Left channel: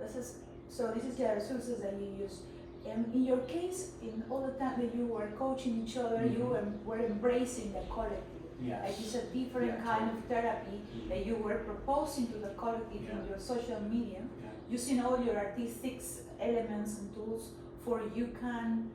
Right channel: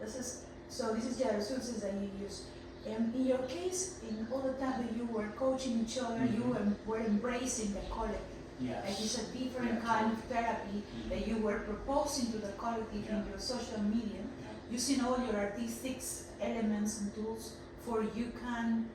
So this is the resources that you use. In your case, in all the time that you were coaching each other, you were embracing the collective. Yes. Like it's a different kind of therapy that you were proposing to the collective in your social media, using all your artistic elements and tools for you can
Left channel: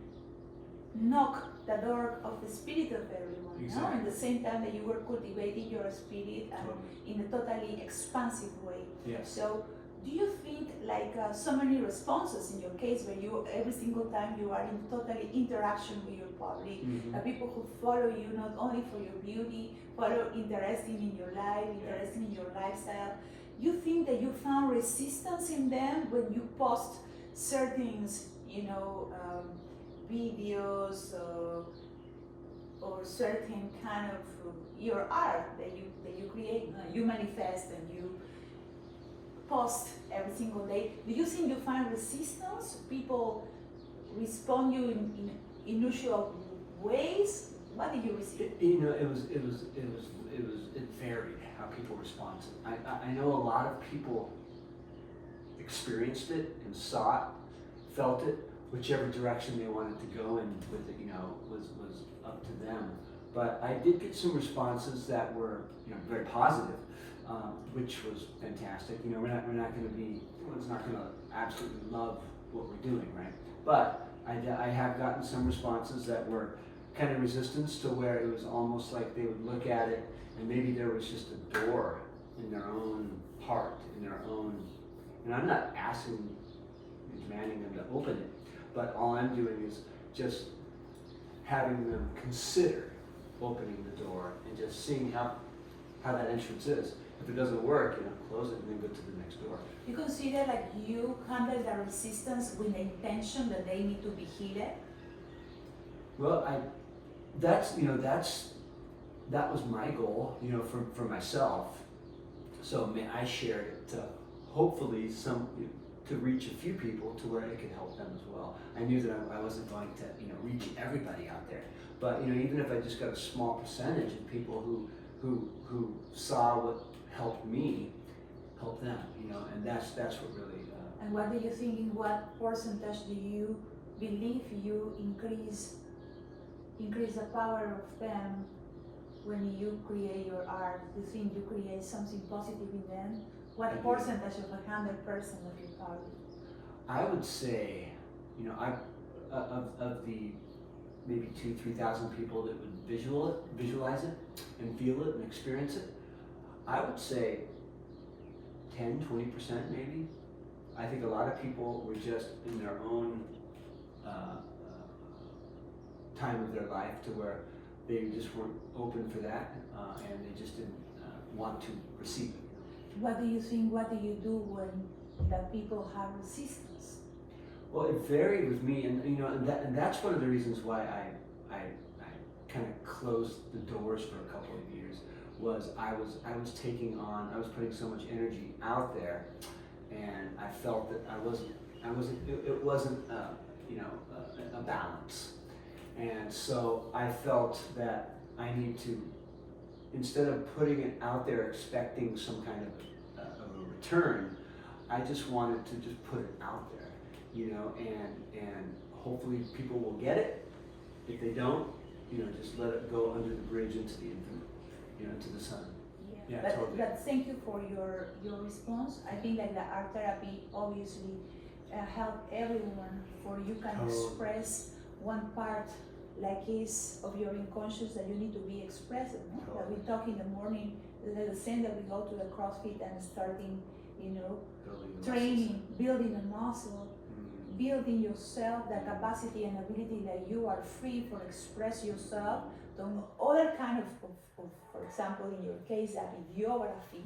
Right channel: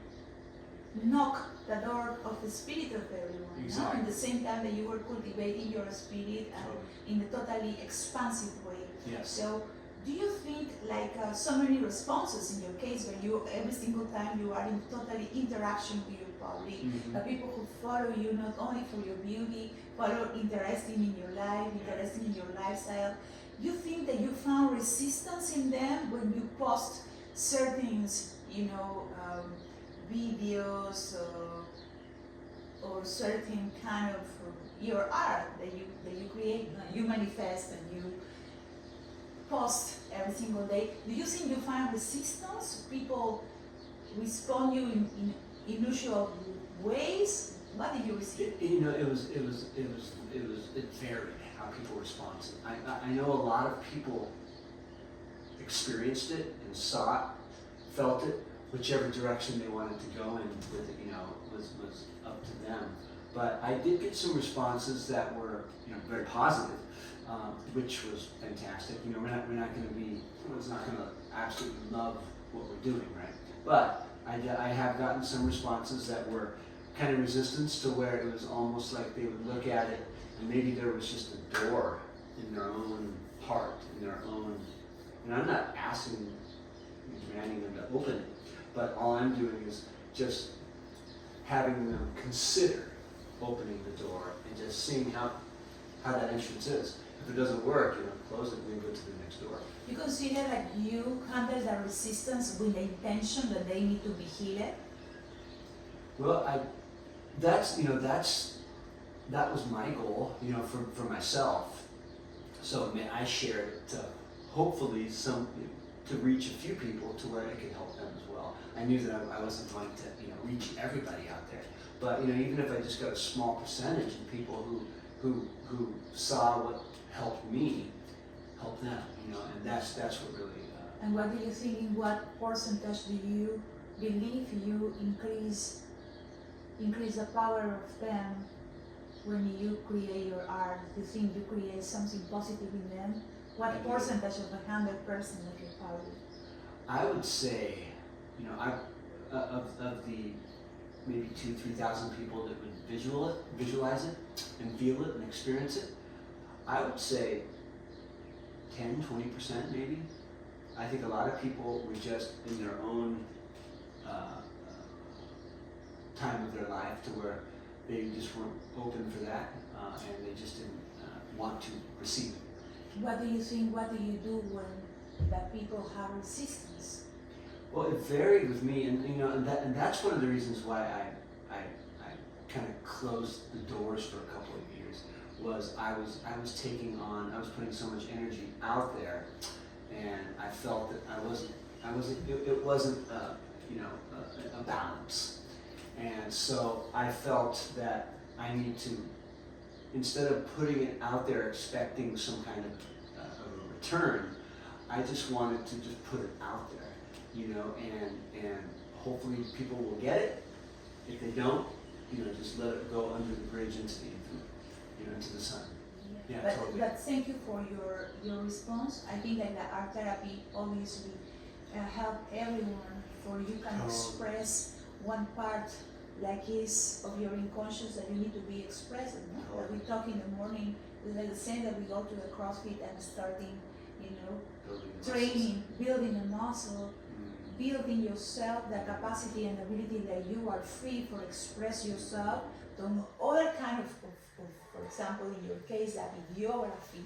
knock the door of the spirit of everyone. Exactly. In the same time that you were cultivating your spirit and in a totally expansive way. Yes. So do you think like so many responses in your case when you every single time you are in totally interaction with your public, people who follow you not only for your beauty, follow interested in your life, interested in your lifestyle, you think that you found resistance in them when you post certain, videos or certain kind of your art that you create, you manifest and you post every single day? Do you think you find resistance? People respond you in unusual ways? What did you receive? It varied how people responded. I know a lot of people experienced it and saw it, felt it, whichever direction they wanted to go in with it, was up to them. But I did get some responses that were, very positive, which was fantastic. We're not going to be, it's not going to absolutely love what we're doing, right? But I have gotten some responses that were kind of resistance to where it was almost like they would look at it and maybe there was just a door in their own heart, in their own, I'm not asking, demanding them to open it, but all I'm doing is just having them consider opening the door and just seeing how that entrance is. If it doesn't work, close it and then go to the next door. You consider like you handle the resistance with the intention that they need to be healed? Well, that was my goal, for myself. So I shared it to hopefully to reach a few people to where it could help them as well. I knew that I wasn't going to, reach everybody out there. But even if I just got a small percentage of people who saw what helped me, help them, and that's what really. And what do you think? In what percentage do you believe you increase the power of them when you create your art? Do you think you create something positive in them? What percentage of 100% of your power? I would say, of the maybe 2,000-3,000 people that would visualize it and feel it and experience it, I would say 10-20% maybe. I think a lot of people were just in their own time of their life to where they just weren't open for that and they just didn't want to receive it. What do you think? What do you do when the people have resistance? Well, it varied with me, and that's one of the reasons why I kind of closed the doors for a couple of years. Was I was putting so much energy out there, and I felt that it wasn't a balance, and so I felt that I need to, instead of putting it out there expecting some kind of a return, I just wanted to just put it out there, and hopefully people will get it. If they don't, just let it go under the bridge into the infinite, into the sun. Yeah, totally. But thank you for your response. I think that the art therapy obviously help everyone, for you can express one part like is of your unconscious that you need to be expressed. Like we talk in the morning, like the same that we go to the CrossFit and starting, training, building a muscle, building yourself, the capacity and ability that you are free for express yourself. Other kind of, for example, in your case, that videography.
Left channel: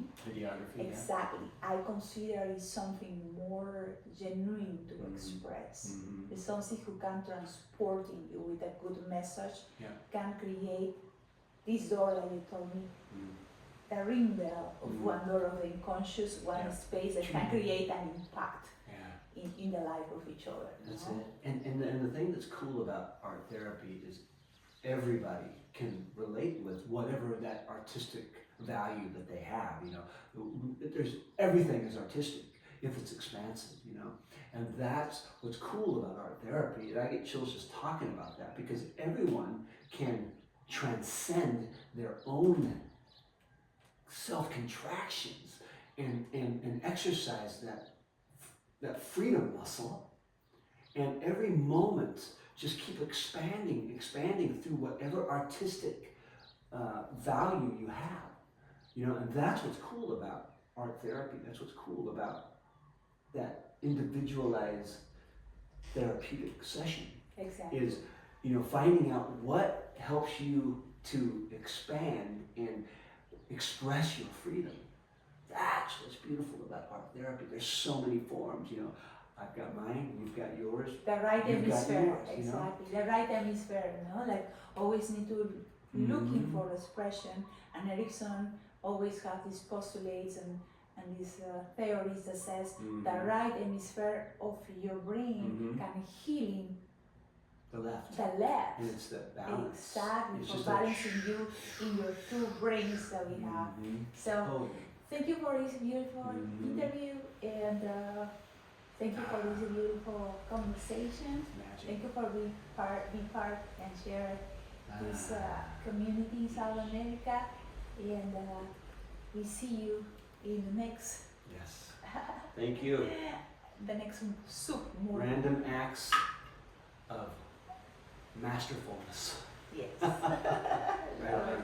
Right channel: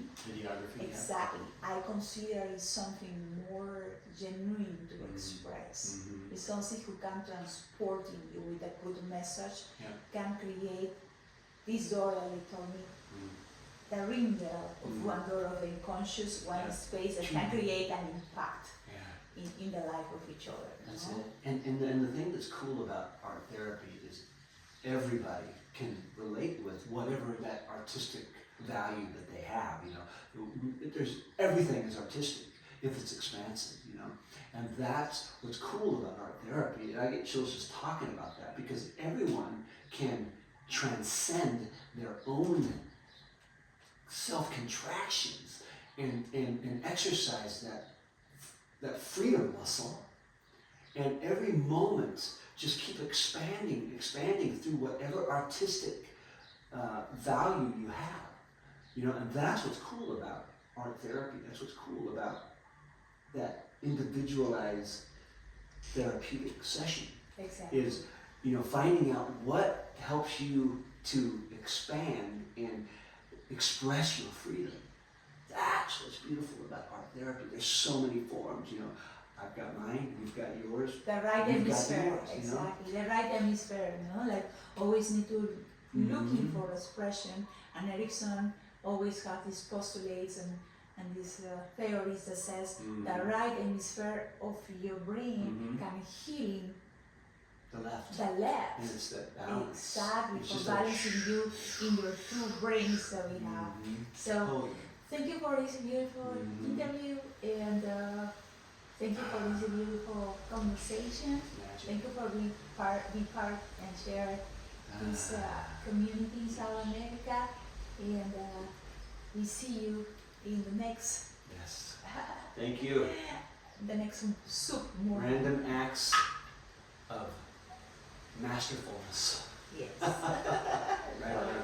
Exactly. Yeah. I consider it something more genuine to express. It's something who can transport in you with a good message, can create this door that you told me, the ring there of one door of the unconscious, one space that can create an impact in the life of each other. That's it. And the thing that's cool about art therapy is everybody can relate with whatever that artistic value that they have. There's everything is artistic. if it's expansive, you know. And that's what's cool about art therapy. And I get chills just talking about that, because everyone can transcend their own self-contractions and exercise that freedom muscle, and every moment just keep expanding through whatever artistic value you have, you know. And that's what's cool about art therapy. That's what's cool about that individualized therapeutic session. Exactly. Is, you know, finding out what helps you to expand and express your freedom. That's what's beautiful about art therapy. There's so many forms, you know. I've got mine, you've got yours. The right You've got hemisphere, yours, you know? exactly. The right hemisphere, you know, like always need to looking for expression. And Erickson always has these postulates and these theories that says the right hemisphere of your brain can heal The left. the left. And it's that balance. Exactly, It's for just balancing you in your two brains that we have. So Totally. thank you for this beautiful interview, and thank you for this beautiful conversation. Magic. Thank you for being part and share this community in South America. And we see you in the next Yes. Thank you. the next soup movie. Random acts of masterfulness. Yes. Right on.